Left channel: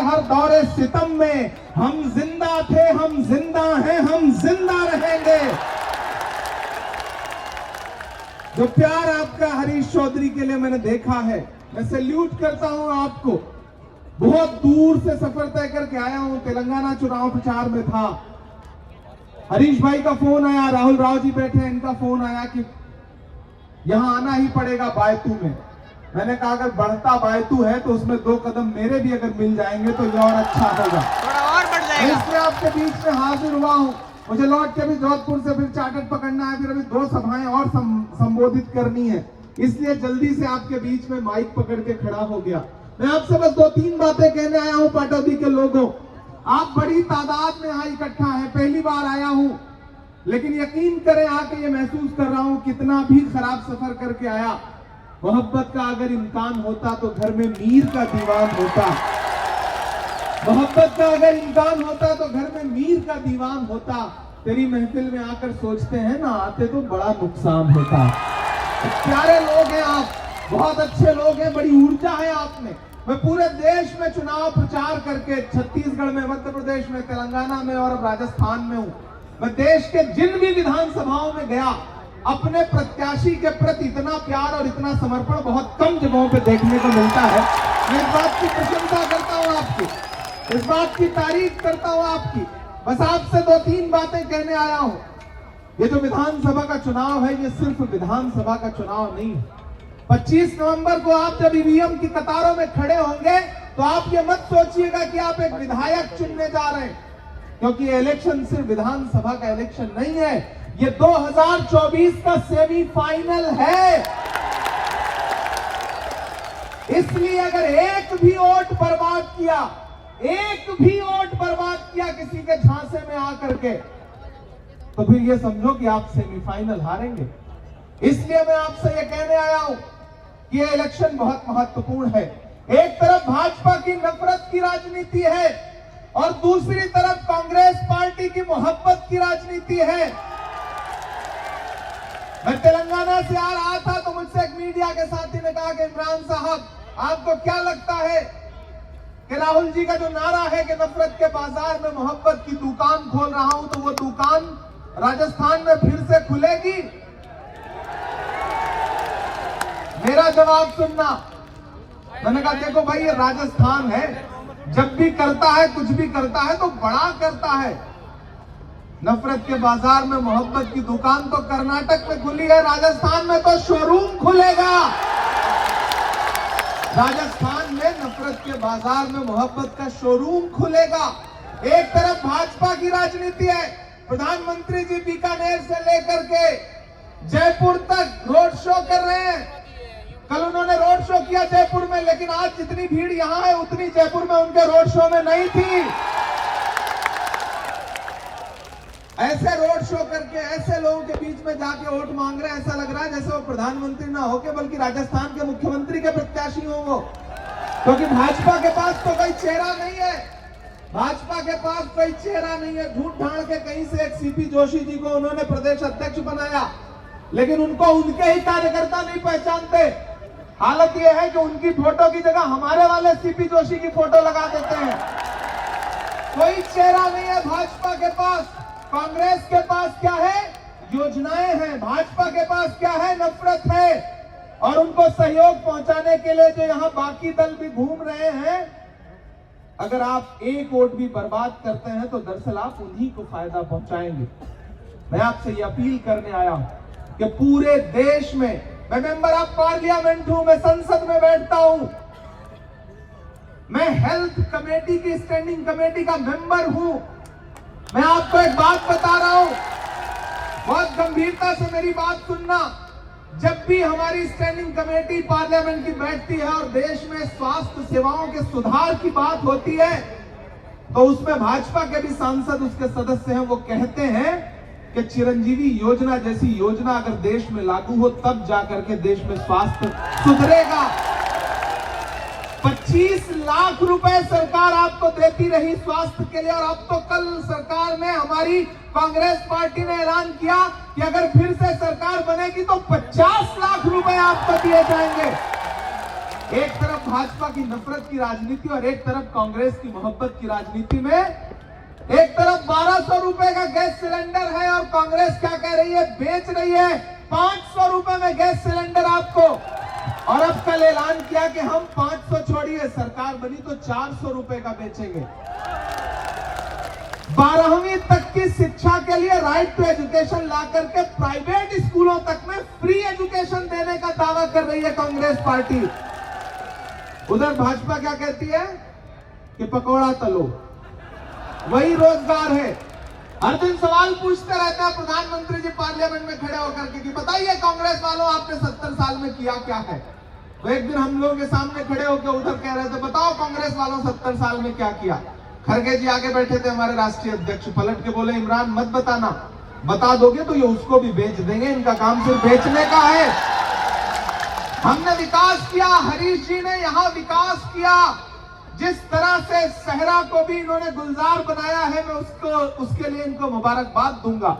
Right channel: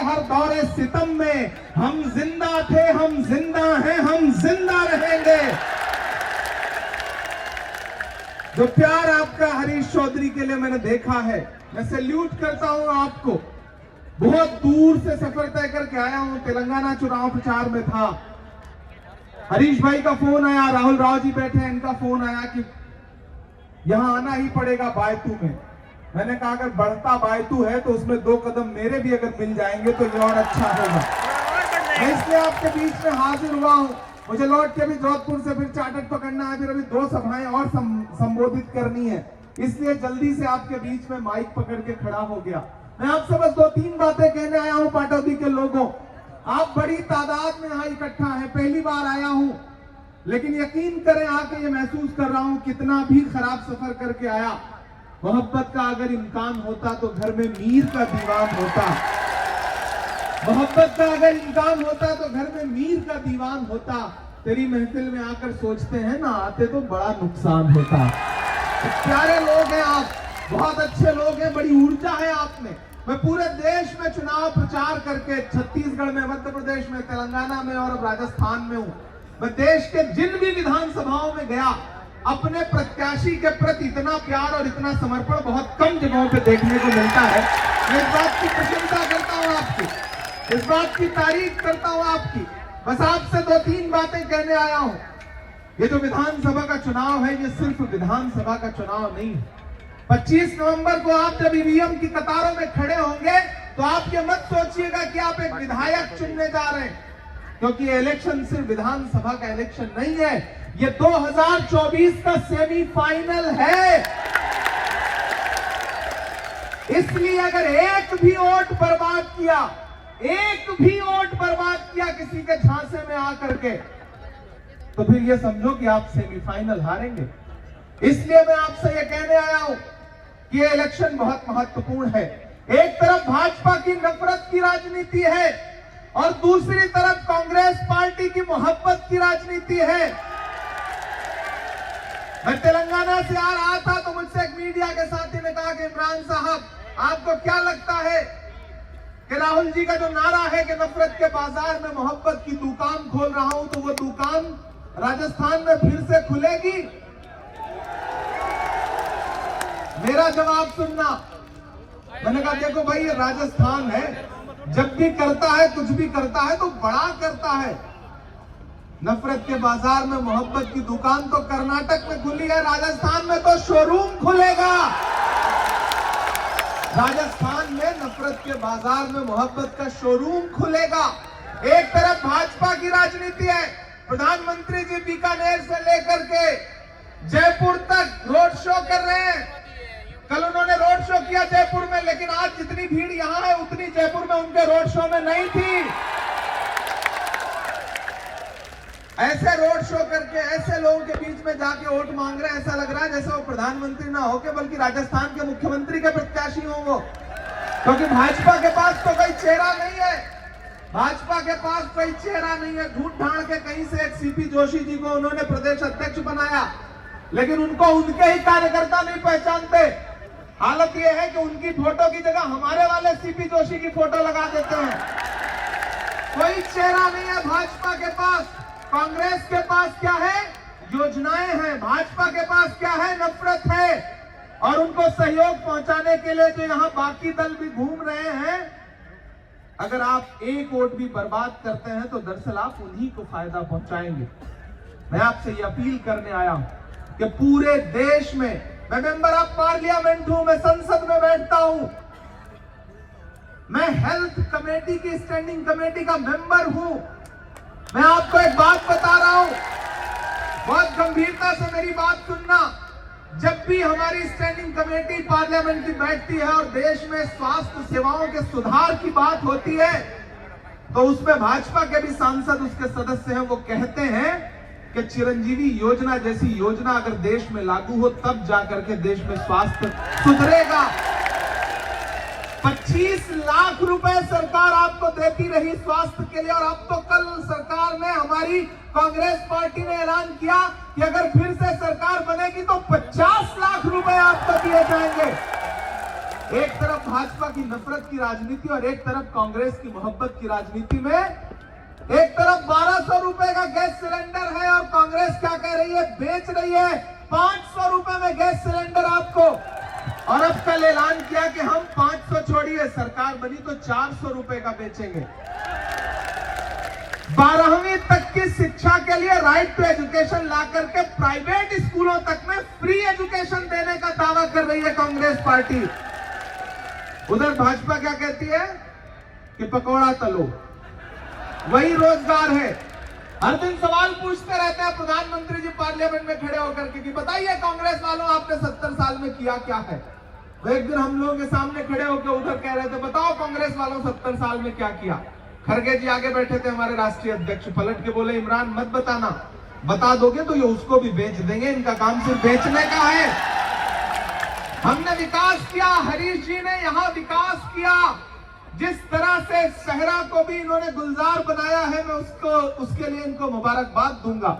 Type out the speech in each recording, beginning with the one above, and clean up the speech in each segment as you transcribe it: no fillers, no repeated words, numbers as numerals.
हर दौरे सितम में हम जिंदा थे, हम जिंदा हैं, हम जिंदा रहेंगे। जो प्यार आपका हरीश चौधरी के लिए मैंने देखा है, मैं सैल्यूट करता हूं आपको। बहुत दूर से सफर तय करके आया हूं, तेलंगाना चुनाव प्रचार में था। हरीश भाई का फोन आया, राहुल राव जी बैठे हैं, इनका फोन आया कि यहां आना ही पड़ेगा बायतू में। मैंने कहा अगर बढ़ता बायतू है तो उसमें 2 कदम मेरे भी अगर मिल जाएंगे तो ये और अच्छा होगा। इसलिए आपके बीच में हाजिर हुआ हूं। मुझे लौट के भी जोधपुर से फिर चार्टर्ड पकड़ना है, फिर अभी 2 सभाएं और संबोधित करनी है, इसलिए जल्दी से आपके बीच में माइक पकड़ के खड़ा हो गया। मैं आपसे बस 2-3 बातें कहने आया हूं। पाटौदी के लोगों, आप बड़ी तादाद में यहाँ इकट्ठा है, पहली बार आया हूं, लेकिन यकीन करें आके ये महसूस कर रहा हूं कितना भी खराब सफर करके आया, मोहब्बत का अगर इम्कान होता तो घर में मीर का दीवान होता। मोहब्बत का अगर इम्कान होता तो घर में मीर का दीवान होता। तेरी महफिल में आकर सोचते हैं ना आते तो बड़ा नुकसान होता। प्यारे लोग हैं आप, बहुत अच्छे लोग हैं, बड़ी ऊर्जा है आप में। मैं पूरे देश में चुनाव प्रचार करके छत्तीसगढ़ में, मध्य प्रदेश में, तेलंगाना में और राजस्थान में हूं। मैं देश के जिन भी विधानसभाओं में गया, अपने प्रत्याशी के प्रति इतना प्यार और इतना समर्पण बहुत कम जगहों पे देखने को मिलता है। मैं इस बात की प्रशंसा करता हूं आपकी, इस बात की तारीफ करता हूं आपकी। बस आपसे 2-3 बातें कहने आया हूं। ये जो विधानसभा का चुनाव है, ये सिर्फ विधानसभा का चुनाव नहीं है। 25 नवंबर को आप जब ईवीएम की कतारों में खड़े होंगे तो आप ये मत सोचिएगा कि आप एक विधायक चुनने जा रहे हैं, क्योंकि ये इलेक्शन सिर्फ विधानसभा का इलेक्शन नहीं है, ये 2024 का सेमीफाइनल है। इसलिए अगर एक भी वोट बर्बाद किया, एक भी वोट बर्बाद किया किसी के झांसे में आकर के, तो फिर ये समझो कि आप सेमीफाइनल हारेंगे। इसलिए मैं आपसे ये कहने आया हूं कि ये इलेक्शन बहुत महत्वपूर्ण है। एक तरफ भाजपा की नफरत की राजनीति है और दूसरी तरफ कांग्रेस पार्टी की मोहब्बत की राजनीति है। मैं तेलंगाना से आ रहा था तो मुझसे एक मीडिया के साथी ने कहा कि इमरान साहब, आपको क्या लगता है कि राहुल जी का जो नारा है कि नफरत के बाजार में मोहब्बत की दुकान खोल रहा हूं, तो वो दुकान राजस्थान में फिर से खुलेगी? मेरा जवाब सुनना। मैंने कहा देखो भाई, ये राजस्थान है, जब भी करता है, कुछ भी करता है तो बड़ा करता है। नफरत के बाजार में मोहब्बत की दुकान तो कर्नाटक में खुली है, राजस्थान में तो शोरूम खुलेगा। राजस्थान में नफरत के बाजार में मोहब्बत का शोरूम खुलेगा। एक तरफ भाजपा की राजनीति है, प्रधानमंत्री जी बीकानेर से लेकर के जयपुर तक रोड शो कर रहे हैं। कल उन्होंने रोड शो किया जयपुर में, लेकिन आज जितनी भीड़ यहां है उतनी जयपुर में उनके रोड शो में नहीं थी। ऐसे रोड शो करके ऐसे लोगों के बीच में जाके वोट मांग रहे हैं, ऐसा लग रहा है जैसे वो प्रधानमंत्री ना होके बल्कि राजस्थान के मुख्यमंत्री के प्रत्याशी हो वो। क्योंकि भाजपा के पास तो कोई चेहरा नहीं है, भाजपा के पास कोई चेहरा नहीं है। झूठ ढांड के कहीं से एक सीपी जोशी जी को उन्होंने प्रदेश अध्यक्ष बनाया, लेकिन उनको उनके ही कार्यकर्ता नहीं पहचानते। हालत यह है कि उनकी फोटो की जगह हमारे वाले सीपी जोशी की फोटो लगा देते हैं। कोई चेहरा नहीं है भाजपा के पास। कांग्रेस के पास क्या है? योजनाएं हैं। भाजपा के पास क्या है? नफरत है। और उनको सहयोग पहुंचाने के लिए जो यहां बाकी दल भी घूम रहे हैं, अगर आप एक वोट भी बर्बाद करते हैं तो दरअसल आप उन्हीं को फायदा पहुंचाएंगे। मैं आपसे ये अपील करने आया हूं कि पूरे देश में, मैं मेंबर ऑफ पार्लियामेंट हूं, मैं संसद में बैठता हूं, मैं हेल्थ कमेटी की स्टैंडिंग कमेटी का मेंबर हूं। मैं आपको एक बात बता रहा हूं, बहुत गंभीरता से मेरी बात सुनना। जब भी हमारी स्टैंडिंग कमेटी पार्लियामेंट की बैठती है और देश में स्वास्थ्य सेवाओं के सुधार की बात होती है, तो उसमें भाजपा के भी सांसद, उसके सदस्य हैं, वो कहते हैं कि चिरंजीवी योजना जैसी योजना अगर देश में लागू हो तब जाकर के देश में स्वास्थ्य सुधरेगा। 25 लाख रुपए सरकार आपको देती रही स्वास्थ्य के लिए, और अब तो कल सरकार ने, हमारी कांग्रेस पार्टी ने ऐलान किया कि अगर फिर से सरकार बनेगी तो 50 लाख रुपए आपको दिए जाएंगे। एक तरफ भाजपा की नफरत की राजनीति और एक तरफ कांग्रेस की मोहब्बत की राजनीति में एक तरफ 1200 रुपए का गैस सिलेंडर है और कांग्रेस क्या कह रही है, बेच रही है 500 रुपए में गैस सिलेंडर आपको। और अब कल ऐलान किया कि हम 500 छोड़िए, सरकार बनी तो 400 रुपए का बेचेंगे। 12वीं तक की शिक्षा के लिए राइट टू एजुकेशन ला करके प्राइवेट स्कूलों तक में फ्री एजुकेशन देने का दावा कर रही है कांग्रेस पार्टी। उधर भाजपा क्या कहती है कि पकौड़ा तलो, वही रोजगार है। हर दिन सवाल पूछते रहते हैं प्रधानमंत्री जी पार्लियामेंट में खड़े होकर के कि बताइए कांग्रेस वालों आपने 70 साल में किया क्या है। तो एक दिन हम लोगों के सामने खड़े होकर उधर कह रहे थे बताओ कांग्रेस वालों 70 साल में क्या किया। खड़गे जी आगे बैठे थे हमारे राष्ट्रीय अध्यक्ष, पलट के बोले इमरान मत बताना, बता दोगे तो ये उसको भी बेच देंगे, इनका काम सिर्फ बेचने का है। हमने विकास किया, हरीश जी ने यहाँ विकास किया, जिस तरह से सहरा को भी इन्होंने गुलजार बनाया है, मैं उसके लिए इनको मुबारकबाद दूंगा।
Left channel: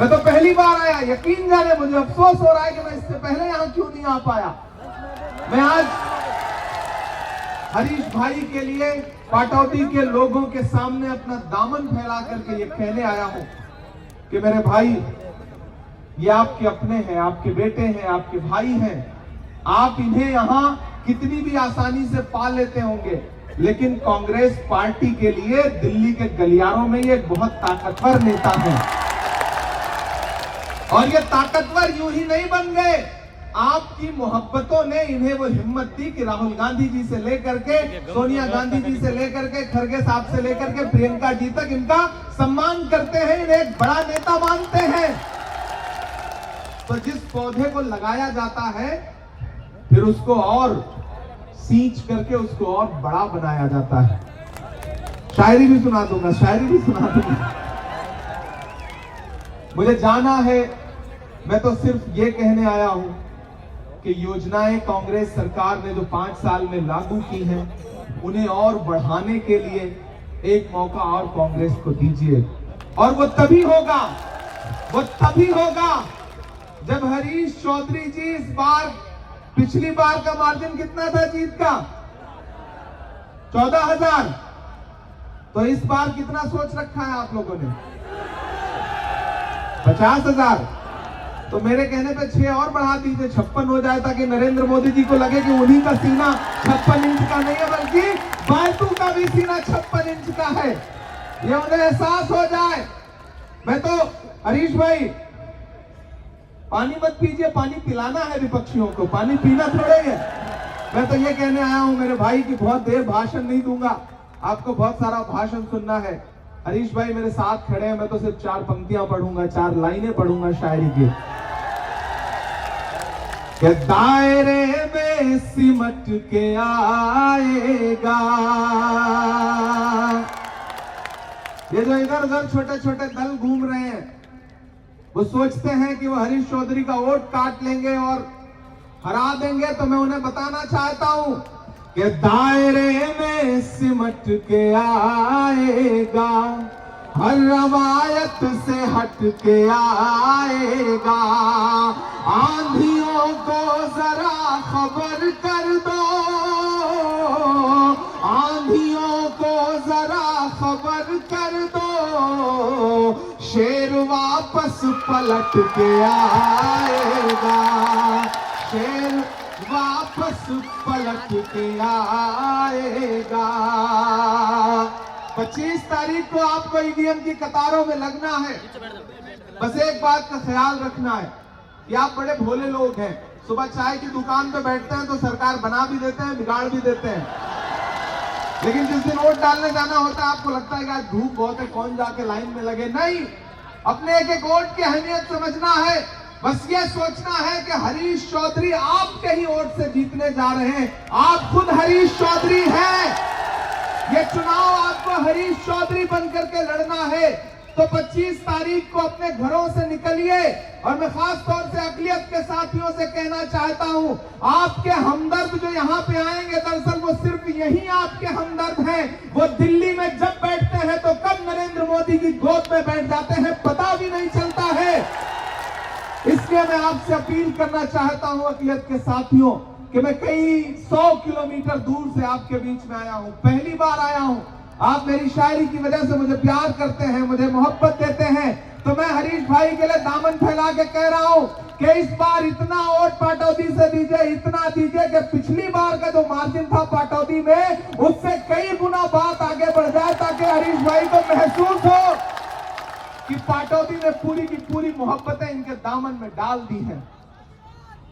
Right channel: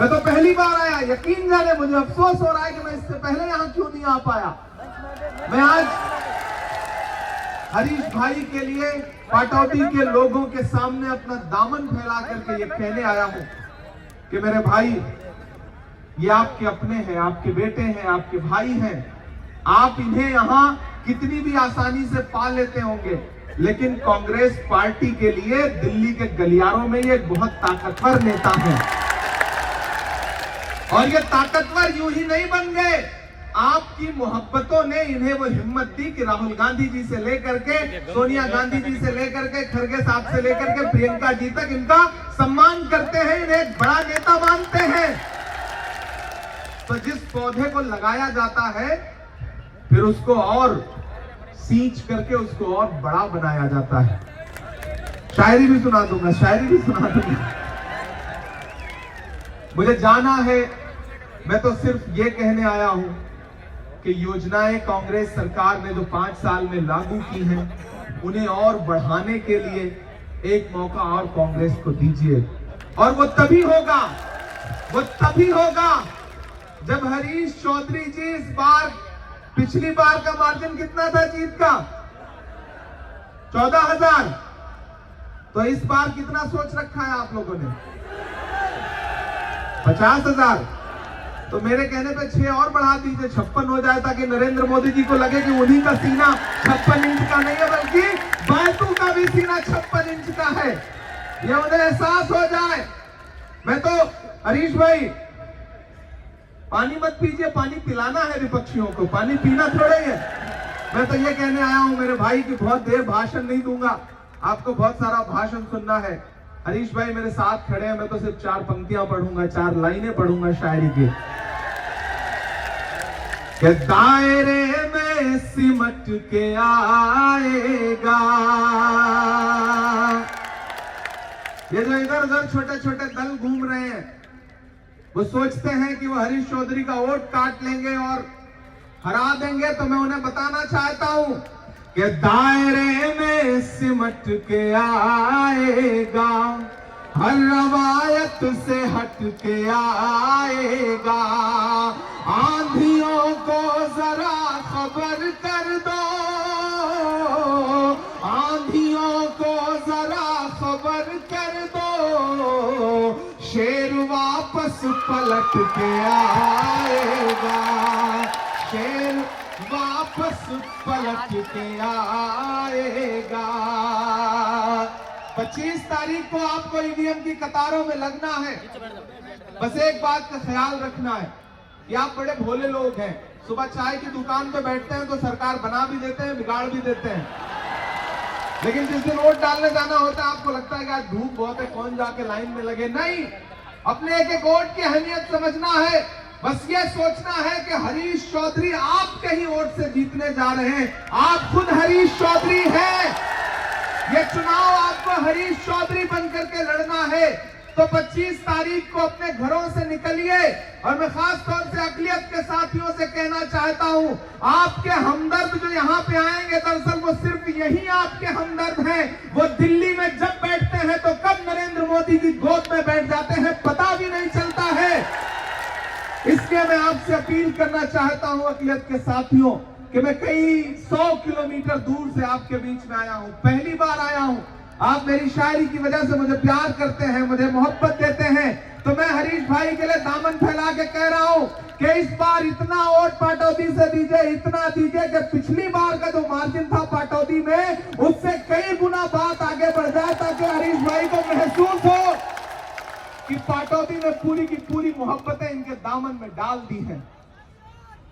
मैं तो पहली बार आया, यकीन जाने मुझे अफसोस हो रहा है कि मैं इससे पहले यहां क्यों नहीं आ पाया। मैं आज हरीश भाई के लिए पाटौदी के लोगों के सामने अपना दामन फैला करके ये कहने आया हूं कि मेरे भाई, ये आपके अपने हैं, आपके बेटे हैं, आपके भाई हैं। आप इन्हें यहां कितनी भी आसानी से पा लेते होंगे, लेकिन कांग्रेस पार्टी के लिए दिल्ली के गलियारों में ये बहुत ताकतवर नेता है। और ये ताकतवर यूं ही नहीं बन गए, आपकी मोहब्बतों ने इन्हें वो हिम्मत दी कि राहुल गांधी जी से लेकर के सोनिया गांधी जी से लेकर के खड़गे साहब से लेकर के प्रियंका जी तक इनका सम्मान करते हैं, इन्हें एक बड़ा नेता मानते हैं। तो जिस पौधे को लगाया जाता है फिर उसको और सींच करके उसको और बड़ा बनाया जाता है। शायरी भी सुना दूंगा, शायरी भी सुना दूंगा। मुझे जाना है, मैं तो सिर्फ ये कहने आया हूं कि योजनाएं कांग्रेस सरकार ने जो 5 साल में लागू की हैं, उन्हें और बढ़ाने के लिए एक मौका और कांग्रेस को दीजिए। और वो तभी होगा जब हरीश चौधरी जी इस बार, पिछली बार का मार्जिन कितना था जीत का, 14,000, तो इस बार कितना सोच रखा है आप लोगों ने, 50,000। तो मेरे कहने पे 6 और बढ़ा दीजिए, 56 हो जाए, ताकि नरेंद्र मोदी जी को लगे कि उन्हीं का सीना 56 इंच का नहीं है बल्कि बालतू का भी सीना 56 इंच का है, ये उन्हें एहसास हो जाए। मैं तो हरीश भाई, पानी मत पीजिए, पानी पिलाना है विपक्षियों को, पानी पीना थोड़े है। मैं तो ये कहने आया हूं मेरे भाई की बहुत देर भाषण नहीं दूंगा, आपको बहुत सारा भाषण सुनना है। हरीश भाई मेरे साथ खड़े हैं, मैं तो सिर्फ 4 पंक्तियां पढ़ूंगा, 4 लाइनें पढ़ूंगा शायरी की। कि दायरे में सिमट के आएगा, ये जो इधर उधर छोटे छोटे दल घूम रहे हैं, वो सोचते हैं कि वो हरीश चौधरी का वोट काट लेंगे और हरा देंगे। तो मैं उन्हें बताना चाहता हूं कि दायरे में सिमट के आएगा, हर रवायत से हट के आएगा। आंधियों को जरा खबर कर दो, आंधियों को जरा खबर कर दो, शेर वापस पलट के आएगा, शेर वापस पलट के आएगा। 25 तारीख को आपको ईवीएम की कतारों में लगना है। बस एक बात का ख्याल रखना है कि आप बड़े भोले लोग हैं, सुबह चाय की दुकान पे बैठते हैं तो सरकार बना भी देते हैं, बिगाड़ भी देते हैं, लेकिन जिस दिन वोट डालने जाना होता है आपको लगता है कि आज धूप बहुत है, कौन जाके लाइन में लगे। नहीं, अपने एक एक वोट की अहमियत समझना है। बस ये सोचना है कि हरीश चौधरी आपके ही वोट से जीतने जा रहे हैं, आप खुद हरीश चौधरी हैं। ये चुनाव आपको हरीश चौधरी बन करके लड़ना है। तो 25 तारीख को अपने घरों से निकलिए। और मैं खास तौर से अकलियत के साथियों से कहना चाहता हूं, आपके हमदर्द जो यहां पे आएंगे, दरअसल वो सिर्फ यही आपके हमदर्द हैं। वो दिल्ली में जब बैठते हैं तो कब नरेंद्र मोदी की गोद में बैठ जाते हैं पता भी नहीं चलता है। इसलिए मैं आपसे अपील करना चाहता हूं अकलियत के साथियों कि मैं कई 100 किलोमीटर दूर से आपके बीच में आया हूं, पहली बार आया हूं। आप मेरी शायरी की वजह से मुझे प्यार करते हैं, मुझे मोहब्बत देते हैं, तो मैं हरीश भाई के लिए दामन फैला के कह रहा हूं कि इस बार इतना वोट पाटौदी से दीजिए, इतना दीजिए कि पिछली बार का जो मार्जिन था पाटौदी में, उससे कई गुना बात आगे बढ़ जाए, ताकि हरीश भाई को महसूस हो कि पाटौदी ने पूरी की पूरी मोहब्बतें इनके दामन में डाल दी हैं।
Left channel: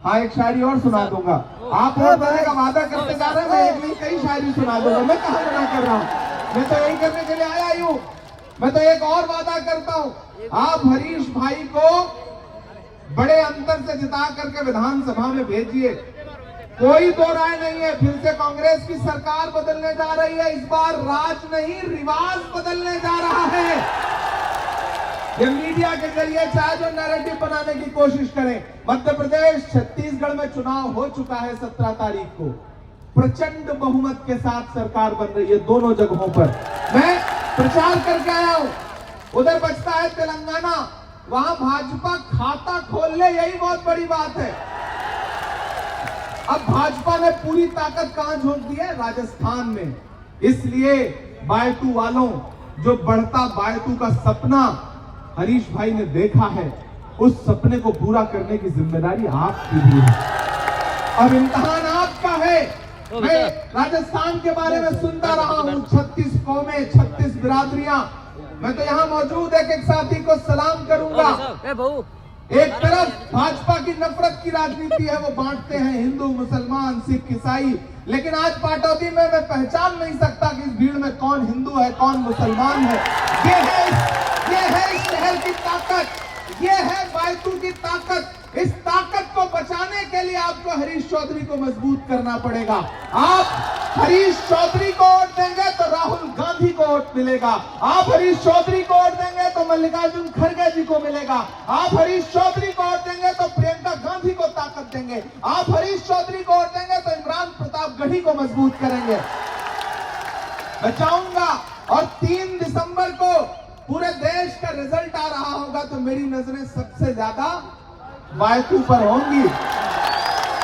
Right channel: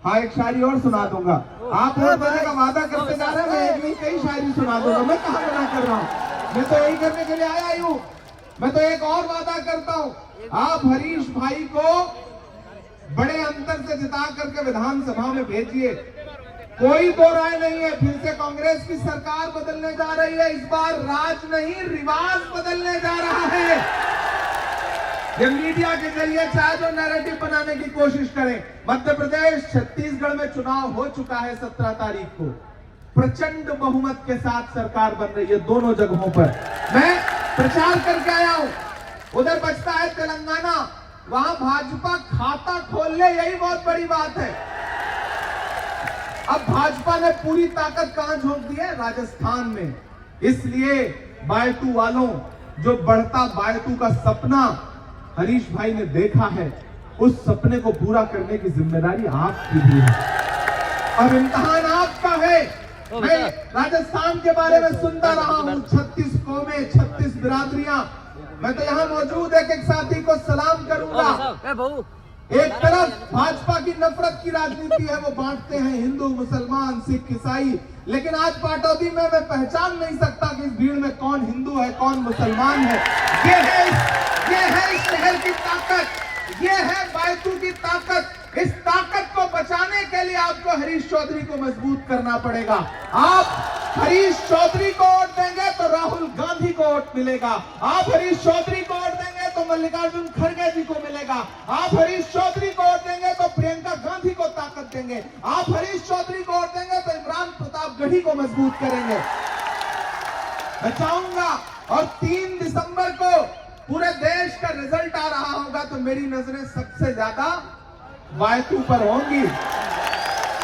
हाँ, एक शायरी और सुना दूंगा। आप वोट देने का वादा करते जा रहे हैं, मैं एक नहीं कई शायरी सुना दूंगा। मैं कहाँ मना कर रहा हूँ, मैं तो यही करने के लिए आया ही हूँ। मैं तो एक और वादा करता हूँ, आप हरीश भाई को बड़े अंतर से जिता करके विधानसभा में भेजिए। कोई दो राय नहीं है, फिर से कांग्रेस की सरकार बदलने जा रही है। इस बार राज नहीं, रिवाज बदलने जा रहा है। ये मीडिया के जरिए चाहे जो नैरेटिव बनाने की कोशिश करें। मध्य प्रदेश, छत्तीसगढ़ में चुनाव हो चुका है 17 तारीख को, प्रचंड बहुमत के साथ सरकार बन रही है दोनों जगहों पर। मैं प्रचार करके आया हूं। उधर बचता है तेलंगाना, वहां भाजपा खाता खोल ले, यही बहुत बड़ी बात है। अब भाजपा ने पूरी ताकत कहां झोंक दी है? राजस्थान में। इसलिए बायतू वालों, जो बढ़ता बायतू का सपना हरीश भाई ने देखा है, उस सपने को पूरा करने की जिम्मेदारी आपकी भी है। अब इम्तिहान आपका है। मैं राजस्थान के बारे में सुनता रहा हूं, 36 कौमें, 36 बिरादरियां। मैं तो यहां मौजूद एक एक साथी को सलाम करूंगा। एक तरफ भाजपा की नफरत की राजनीति है, वो बांटते हैं हिंदू, मुसलमान, सिख, ईसाई। लेकिन आज पाटौदी में मैं पहचान नहीं सकता कि इस भीड़ में कौन हिंदू है, कौन मुसलमान है। ये है इस शहर की ताकत, ये है बायतू की ताकत। इस ताकत को बचाने के लिए आपको हरीश चौधरी को मजबूत करना पड़ेगा। आप हरीश चौधरी को वोट देंगे तो राहुल गांधी को वोट मिलेगा। आप हरीश चौधरी को वोट देंगे तो मल्लिकार्जुन खड़गे जी को मिलेगा। आप हरीश चौधरी को वोट देंगे तो प्रियंका गांधी को ताकत देंगे। आप हरीश चौधरी को वोट देंगे तो इमरान प्रतापगढ़ी को मजबूत करेंगे। मैं चाहूंगा, और 3 दिसंबर को पूरे देश का रिजल्ट आ रहा होगा, तो मेरी नजरें सबसे ज्यादा बायतू पर होंगी।